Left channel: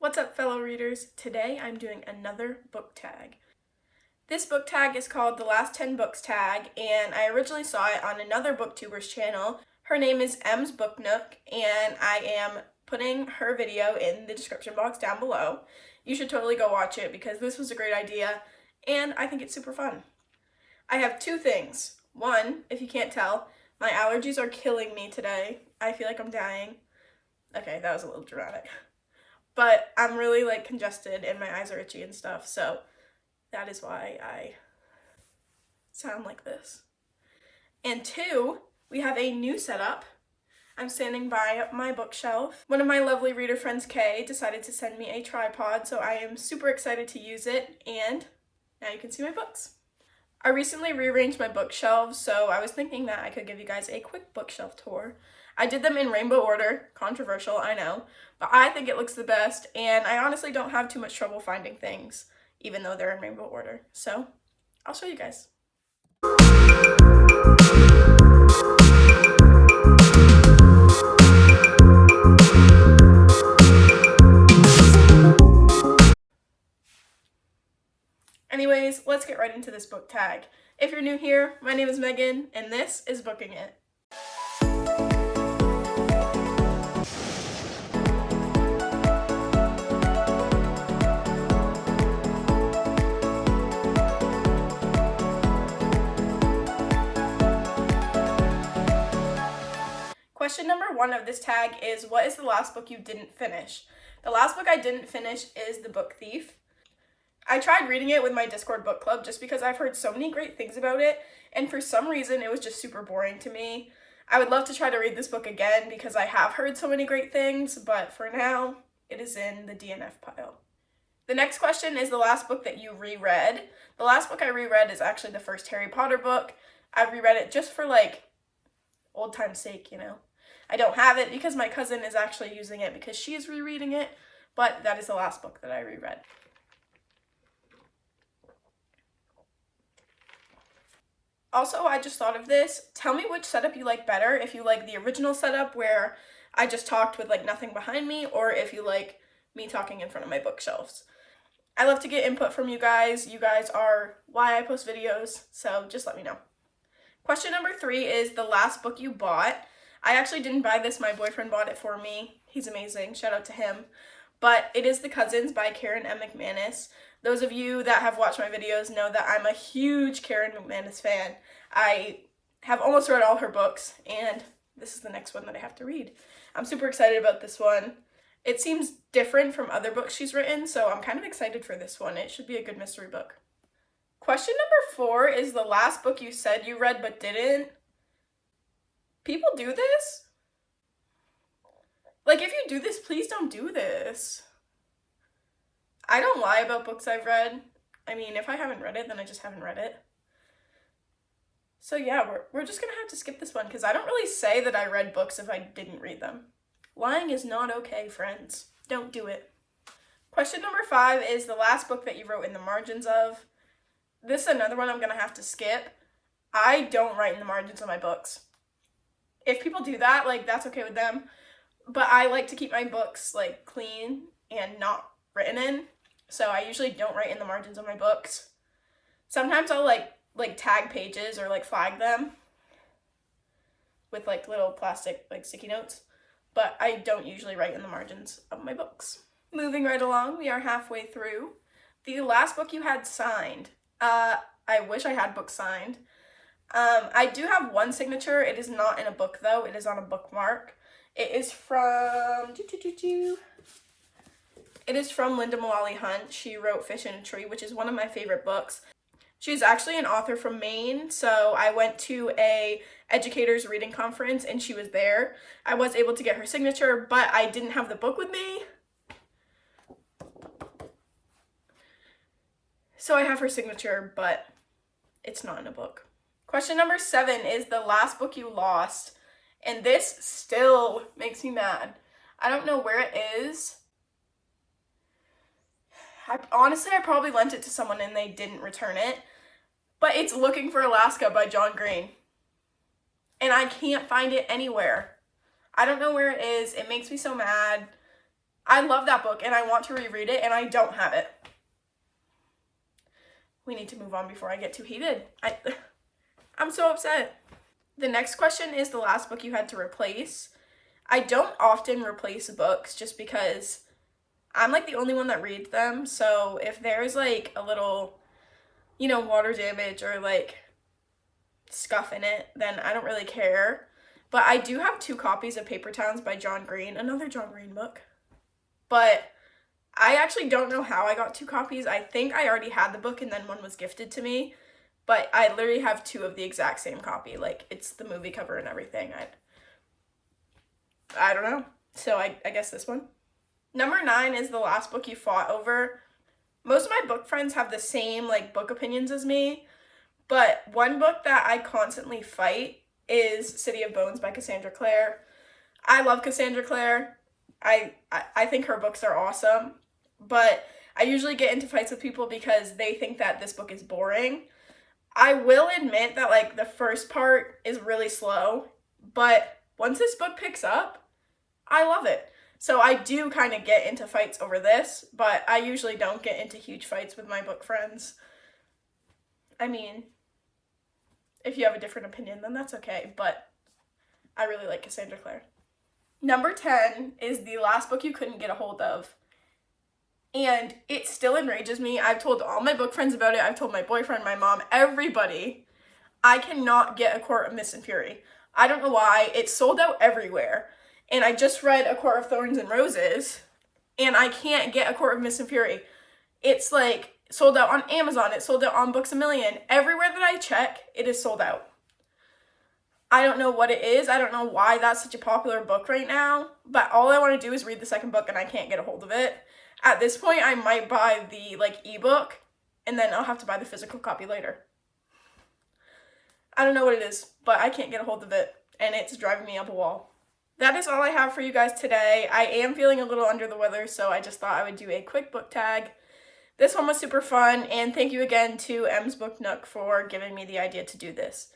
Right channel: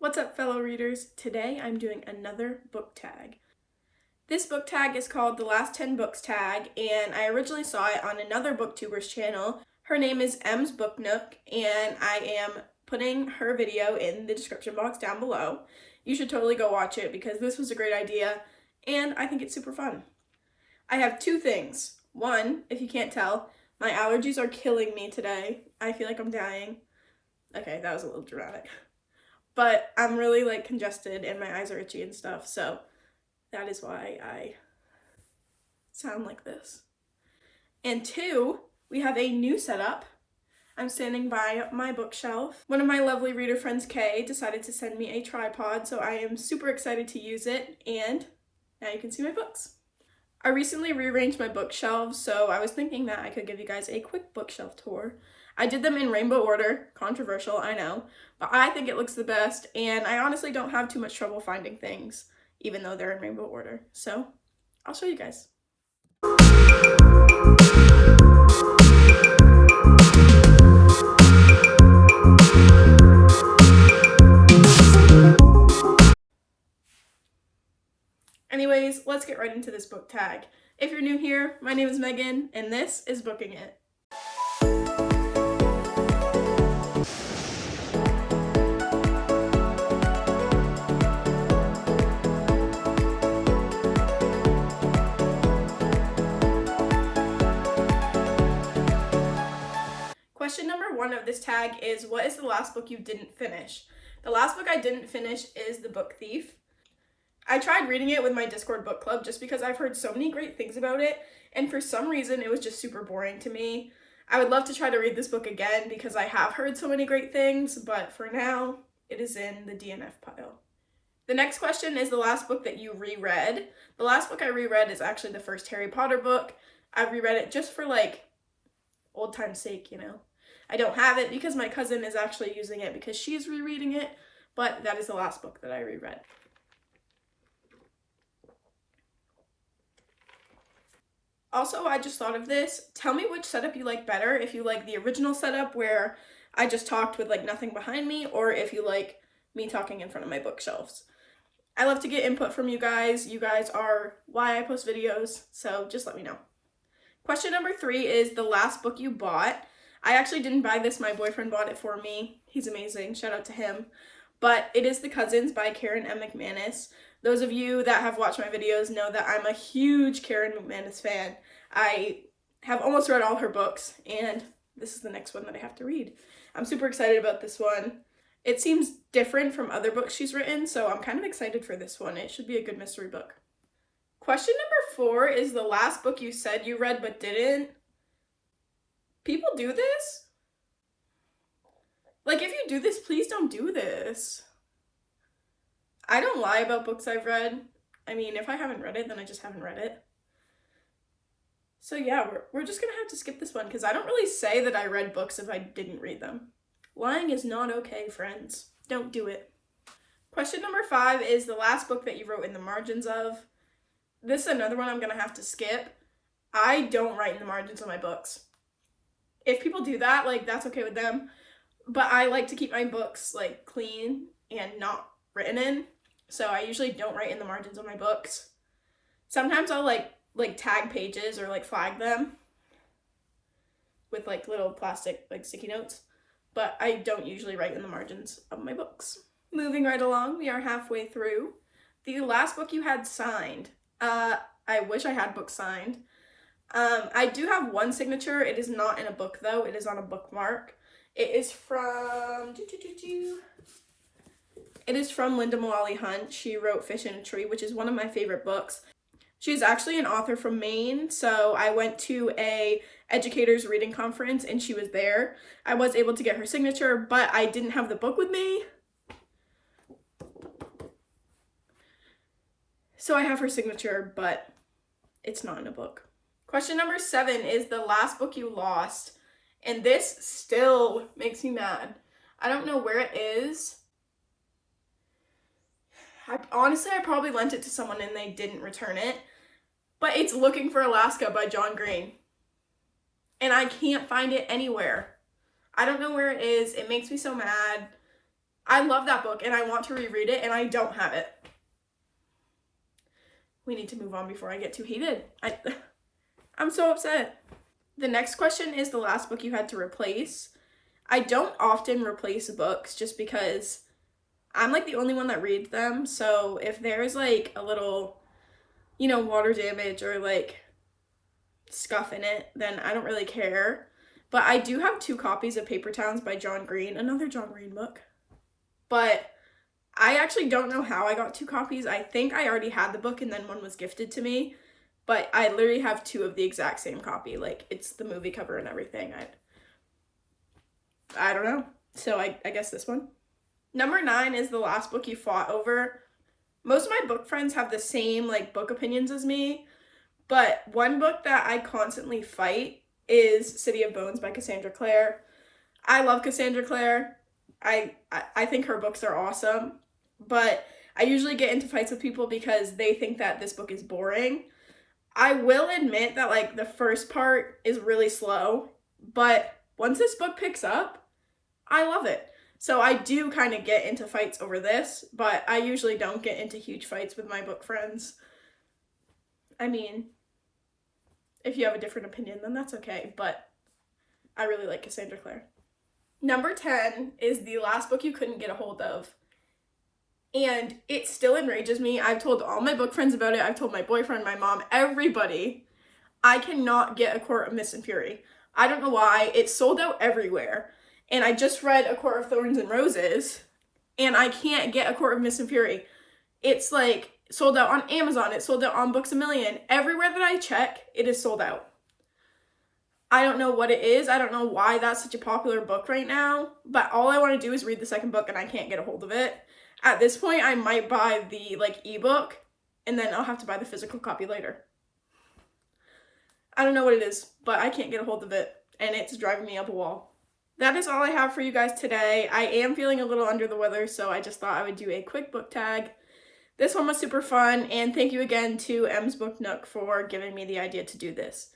What's up, fellow readers? Today I'm doing another book tag. This book tag is called The Last 10 Books Tag, and I originally saw it on another booktuber's channel. Her name is Em's Book Nook, and I am putting her video in the description box down below. You should totally go watch it because this was a great idea, and I think it's super fun. I have two things. One, if you can't tell, my allergies are killing me today. I feel like I'm dying. Okay, that was a little dramatic. But I'm really congested and my eyes are itchy and stuff, so that is why I sound like this. And two, we have a new setup. I'm standing by my bookshelf. One of my lovely reader friends, Kay, decided to send me a tripod, so I am super excited to use it, and now you can see my books. I recently rearranged my bookshelves, so I was thinking that I could give you guys a quick bookshelf tour. I did them in rainbow order, controversial, I know, but I think it looks the best, and I honestly don't have too much trouble finding things, even though they're in rainbow order. So, I'll show you guys. Anyways, let's get right into this book tag. If you're new here, my name is Megan, and this is Booking It. Question number 1 of this tag is, what is the last book you didn't finish? The last book I didn't finish is The Book Thief. I tried reading it with my Discord book club just because I've heard so many great things about it, and for some reason it was just super boring to me. I would love to try to read this book again because I have heard so many great things, but for now, it is in the DNF pile. The next question is the last book that you reread. The last book I reread is actually the first Harry Potter book. I reread it just for old time's sake, you know. I don't have it because my cousin is actually using it because she's rereading it, but that is the last book that I reread. Also, I just thought of this. Tell me which setup you like better. If you like the original setup where I just talked with nothing behind me, or if you like me talking in front of my bookshelves. I love to get input from you guys. You guys are why I post videos, so just let me know. Question number 3 is the last book you bought. I actually didn't buy this. My boyfriend bought it for me. He's amazing. Shout out to him. But it is The Cousins by Karen M. McManus. Those of you that have watched my videos know that I'm a huge Karen McManus fan. I have almost read all her books, and this is the next one that I have to read. I'm super excited about this one. It seems different from other books she's written, so I'm kind of excited for this one. It should be a good mystery book. Question number 4 is the last book you said you read but didn't. People do this? If you do this, please don't do this. I don't lie about books I've read. I mean, if I haven't read it, then I just haven't read it. So yeah, we're just gonna have to skip this one because I don't really say that I read books if I didn't read them. Lying is not okay, friends. Don't do it. Question number 5 is the last book that you wrote in the margins of. This is another one I'm gonna have to skip. I don't write in the margins of my books. If people do that, that's okay with them. But I like to keep my books, clean and not written in. So I usually don't write in the margins of my books. Sometimes I'll, tag pages or, flag them with, little plastic, sticky notes. But I don't usually write in the margins of my books. Moving right along, we are halfway through. The last book you had signed. I wish I had books signed. I do have one signature. It is not in a book, though. It is on a bookmark. It is from... It is from Linda Mullally Hunt. She wrote Fish in a Tree, which is one of my favorite books. She's actually an author from Maine, so I went to a educators reading conference, and she was there. I was able to get her signature, but I didn't have the book with me. So I have her signature, but it's not in a book. Question number 7 is the last book you lost. And this still makes me mad. I don't know where it is. Honestly, I probably lent it to someone and they didn't return it. But it's Looking for Alaska by John Green. And I can't find it anywhere. I don't know where it is. It makes me so mad. I love that book and I want to reread it and I don't have it. We need to move on before I get too heated. I'm so upset. The next question is the last book you had to replace. I don't often replace books just because I'm like the only one that reads them. So if there's like a little, water damage or like scuff in it, then I don't really care. But I do have 2 copies of Paper Towns by John Green, another John Green book. But I actually don't know how I got 2 copies. I think I already had the book and then one was gifted to me. But I literally have 2 of the exact same copy. Like, it's the movie cover and everything. I don't know. So I guess this one. Number 9 is the last book you fought over. Most of my book friends have the same like book opinions as me. But one book that I constantly fight is City of Bones by Cassandra Clare. I love Cassandra Clare. I think her books are awesome. But I usually get into fights with people because they think that this book is boring. I will admit that like the first part is really slow, but once this book picks up, I love it. So I do kind of get into fights over this, but I usually don't get into huge fights with my book friends. I mean, if you have a different opinion, then that's okay, but I really like Cassandra Clare. Number 10 is the last book you couldn't get a hold of. And it still enrages me. I've told all my book friends about it. I've told my boyfriend, my mom, everybody. I cannot get A Court of Mist and Fury. I don't know why. It's sold out everywhere. And I just read A Court of Thorns and Roses, and I can't get A Court of Mist and Fury. It's like sold out on Amazon. It's sold out on Books A Million. Everywhere that I check, it is sold out. I don't know what it is. I don't know why that's such a popular book right now, but all I want to do is read the second book and I can't get a hold of it. At this point, I might buy the ebook and then I'll have to buy the physical copy later. I don't know what it is, but I can't get a hold of it and it's driving me up a wall. That is all I have for you guys today. I am feeling a little under the weather, so I just thought I would do a quick book tag. This one was super fun, and thank you again to M's Book Nook for giving me the idea to do this.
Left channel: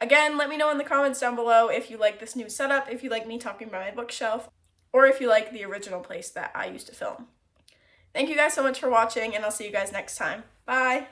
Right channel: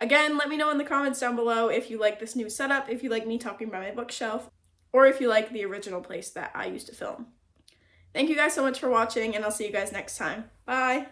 Again, let me know in the comments down below if you like this new setup, if you like me talking about my bookshelf, or if you like the original place that I used to film. Thank you guys so much for watching, and I'll see you guys next time. Bye!